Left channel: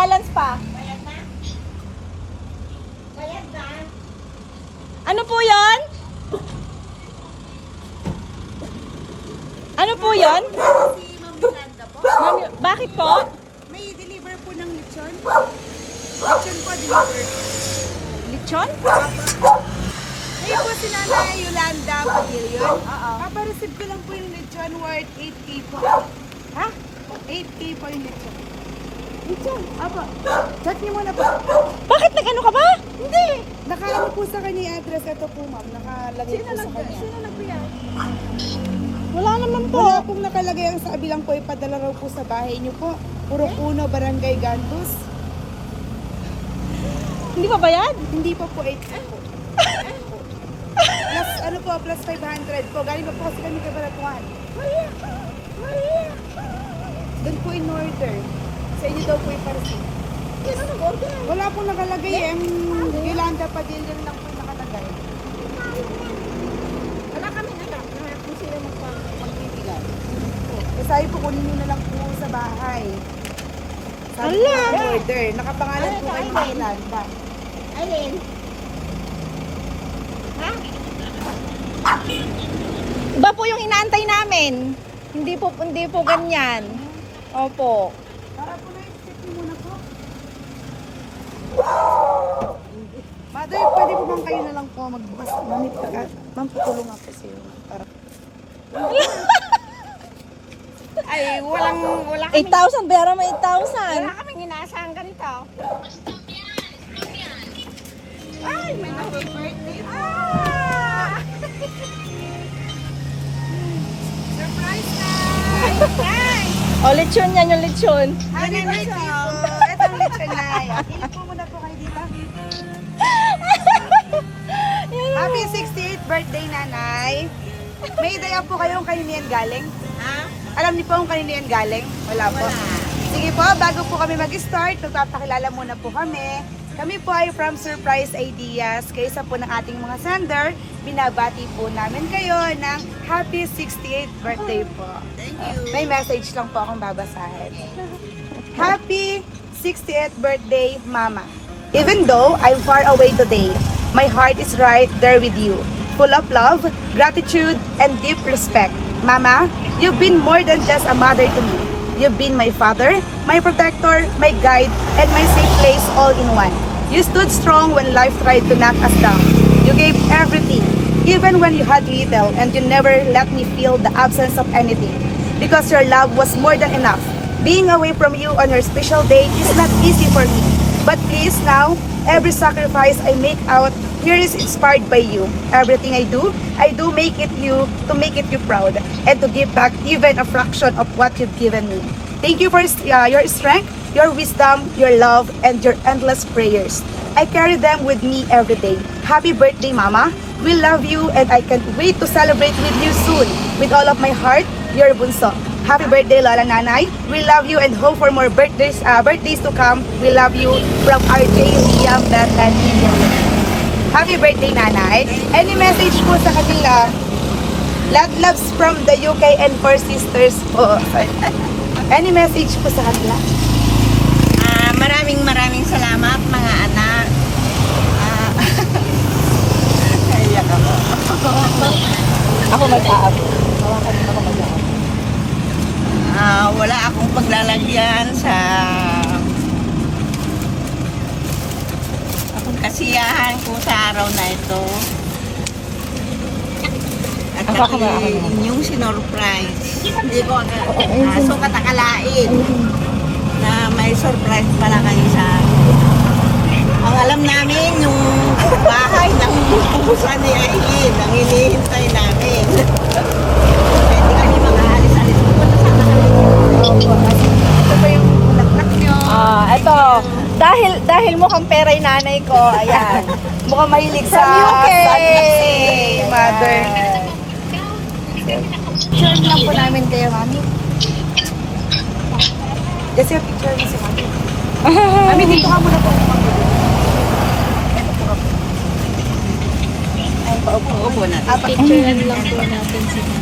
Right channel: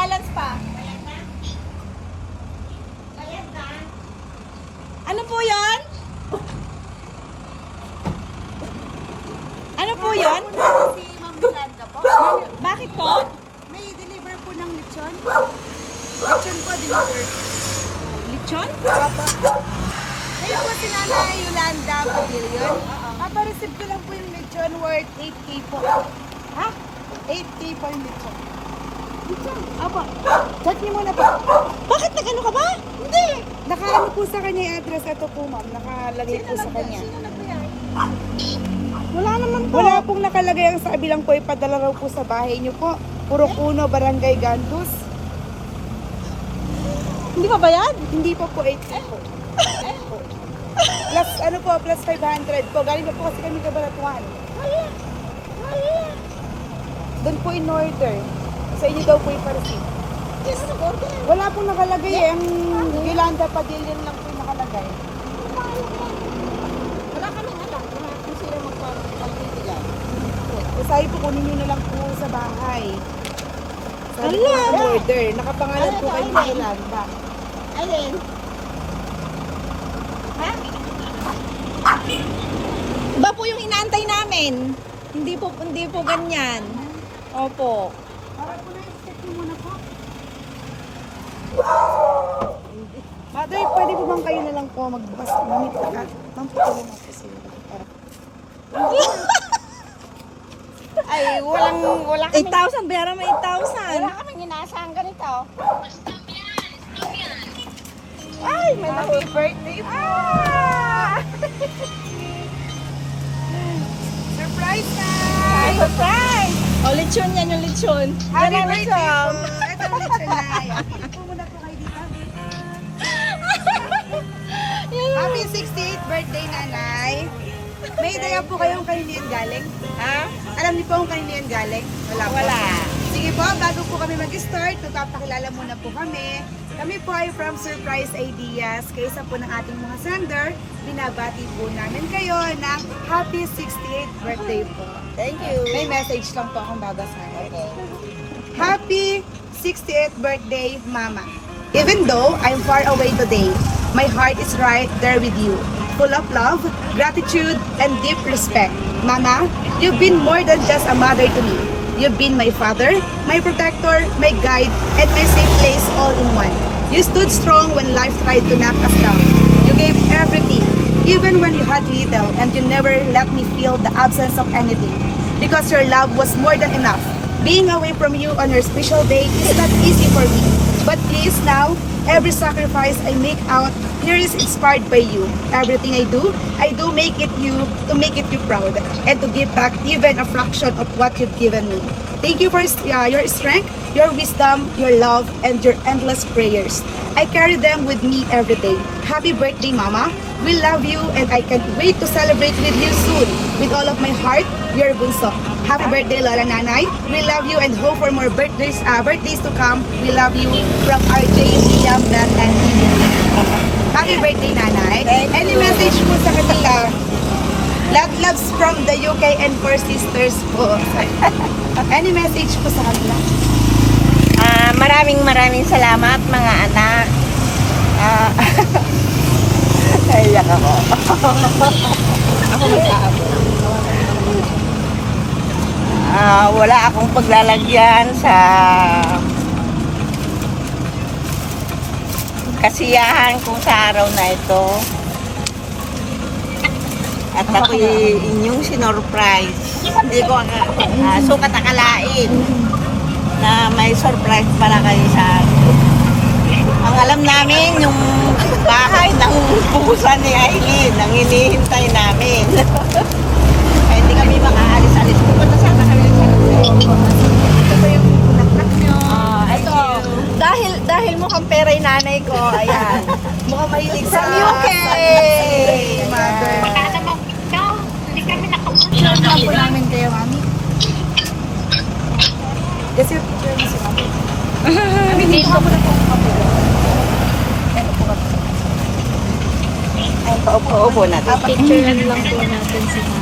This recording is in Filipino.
balance pa. Ano po yon? Ano po yon? Si Ma'am Miranda po. Bakit to? May deliver po ng lechon. Lechon po, deliver. Lechon? Kayo po si Nanay Yolanda Pavilion. Papareceive ko lang po yung lechon worth 8K po. Ha? 8K po yung lechon. Lechon, apa. Check niyo muna po. Bakit nag-ano ka ba? Hindi. Nakaano po sa kanya yung address. Ito po ma'am. Nakalagay po sa kanya. Sino nagbigay? Wala naman po. Wala pong nakalagay ang sa bilang po ipadala raw po sa bahay niyo po. Puro Puno, Barangay Gandus. Hindi pa bayad? Hindi pa po 8K po. plus ano po, plus 500 po. Galing pa po kasi kami kabaratuhan. Doon po in order. Sa inyo daw po yung receipt. Sino nag-order? Wala pong nakalagay eh. Ang Yolanda Padilla lang po yung nakalagay. Wala kami alam na kung sino magpapagpipigay. Kasi po kunin nyo na lang po sa bahay. Sabi Ala! po order. Nakapangalan Ano po kay? Yolanda. Alin? Ha? Iba po yung inaantay namin. Hindi po hindi po ganyan. Opo. Para po na i-check nyo muna po. Mother, pwede po bang kayo na lang po magbas mamit ka? Ma'am, patuloy lang po sa'yo. Para- Ay, walang, wala 8,000, bayaran mo 8,000. wala kaming inaasahan ganito. Ay, may happy birthday po. Ah! Surprise na! Surprise! O, lechon yan yung lechon. Happy birthday lechon. po! Ito ang lechon na. Pili po muna po kayo dito. Happy 68th birthday, nanay. May idea po kayong kanino yan galing? Ha? Alam niyo po kung kanino yan galing? Wala po. Wala. Sige po, bago po kami mag-start, magpapakilala muna po kami. Kami po ay from Surprise Ideas. Kaysa po ng ating mga sender, binabati po namin kayo ng Happy 68th birthday po. Thank you. May message lang po akong babasahin. Happy 68th birthday, Mama. Even though I'm far away today, my heart is right there with you. Full of love, gratitude, and deep respect. Mama, you've been more than just a mother to me. You've been my father, my protector, my guide, and my safe place all in one. You stood strong when life tried to knock us down. You gave everything, even when you had little, and you never let me feel the absence of anything. Because your love was more than enough. Being away from you on your special day is not easy for me. But please now, every sacrifice I make out here is inspired by you. Everything I do, I do make it you to make it you proud and to give back even a fraction of what you've given me. Thank you for uh, your strength, your wisdom, your love, and your endless prayers. I carry them with me every day. Happy birthday, Mama. We love you and I can't wait to celebrate with you soon. With all of my heart, your bunso. Happy birthday, Lola Nanay. We love you and hope for more birthdays uh, birthdays to come. We love you from RJ, Liam, Beth, and. Happy birthday, Nanay. Any message po sa kanila? Love loves from the UK and four sisters po. Any message po sa kanila? Ah, maraming maraming salamat mga anak. Ah, Naiyak ako. Ako. Ah, wala akong paglalagyan sa kasiyahan ko sa araw na ito. At ako inyong sinurprise. Hindi ko uh, sukat akalain na may surprise pala kayo sa akin. Ang alam namin, yung bahay ng pupusan ni Aileen, ang hinihintay namin. Kaya hindi kami makaalis-alis. Pupunta sana kami ng Ito ba yung bulaklak nyo? Ah, ito. Dahil dahil mukhang pera yung nanay ko, ayan. Mukhang mahilig sa... From UK! Mother. Picture na po namin kayo, mami. Kasi yung picture mo si mami. Mami, dito ka muna po. Dito po ka po. Ay, paupo-upo natin. Ah, picture lang po natin si mami.